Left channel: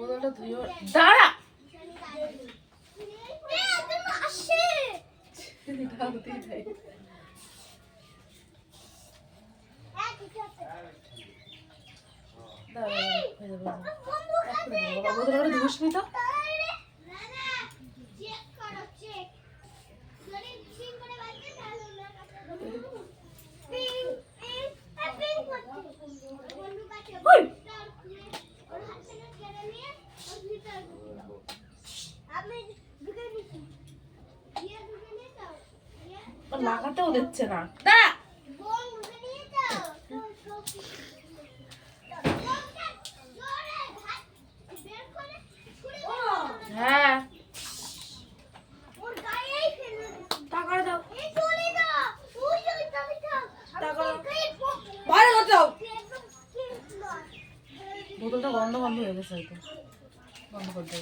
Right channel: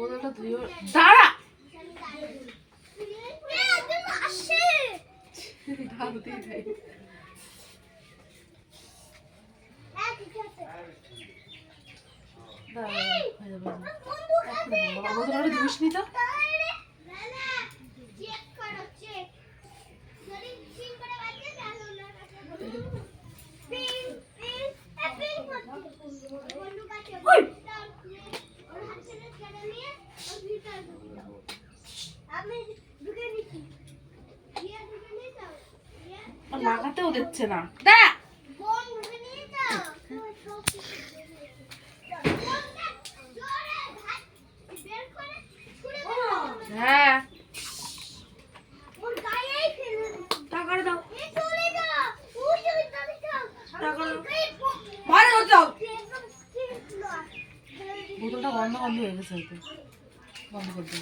বোতলটা ধুয়ে দাঁড়া বোতলটা ধুস নি তো লাগাতেও দিচ্ছে না দাঁড়া হ্যাঁ টাকাটা দাও বোতলটা গন্ধ হয়ে গেছে হয়তো বন্ধ করতে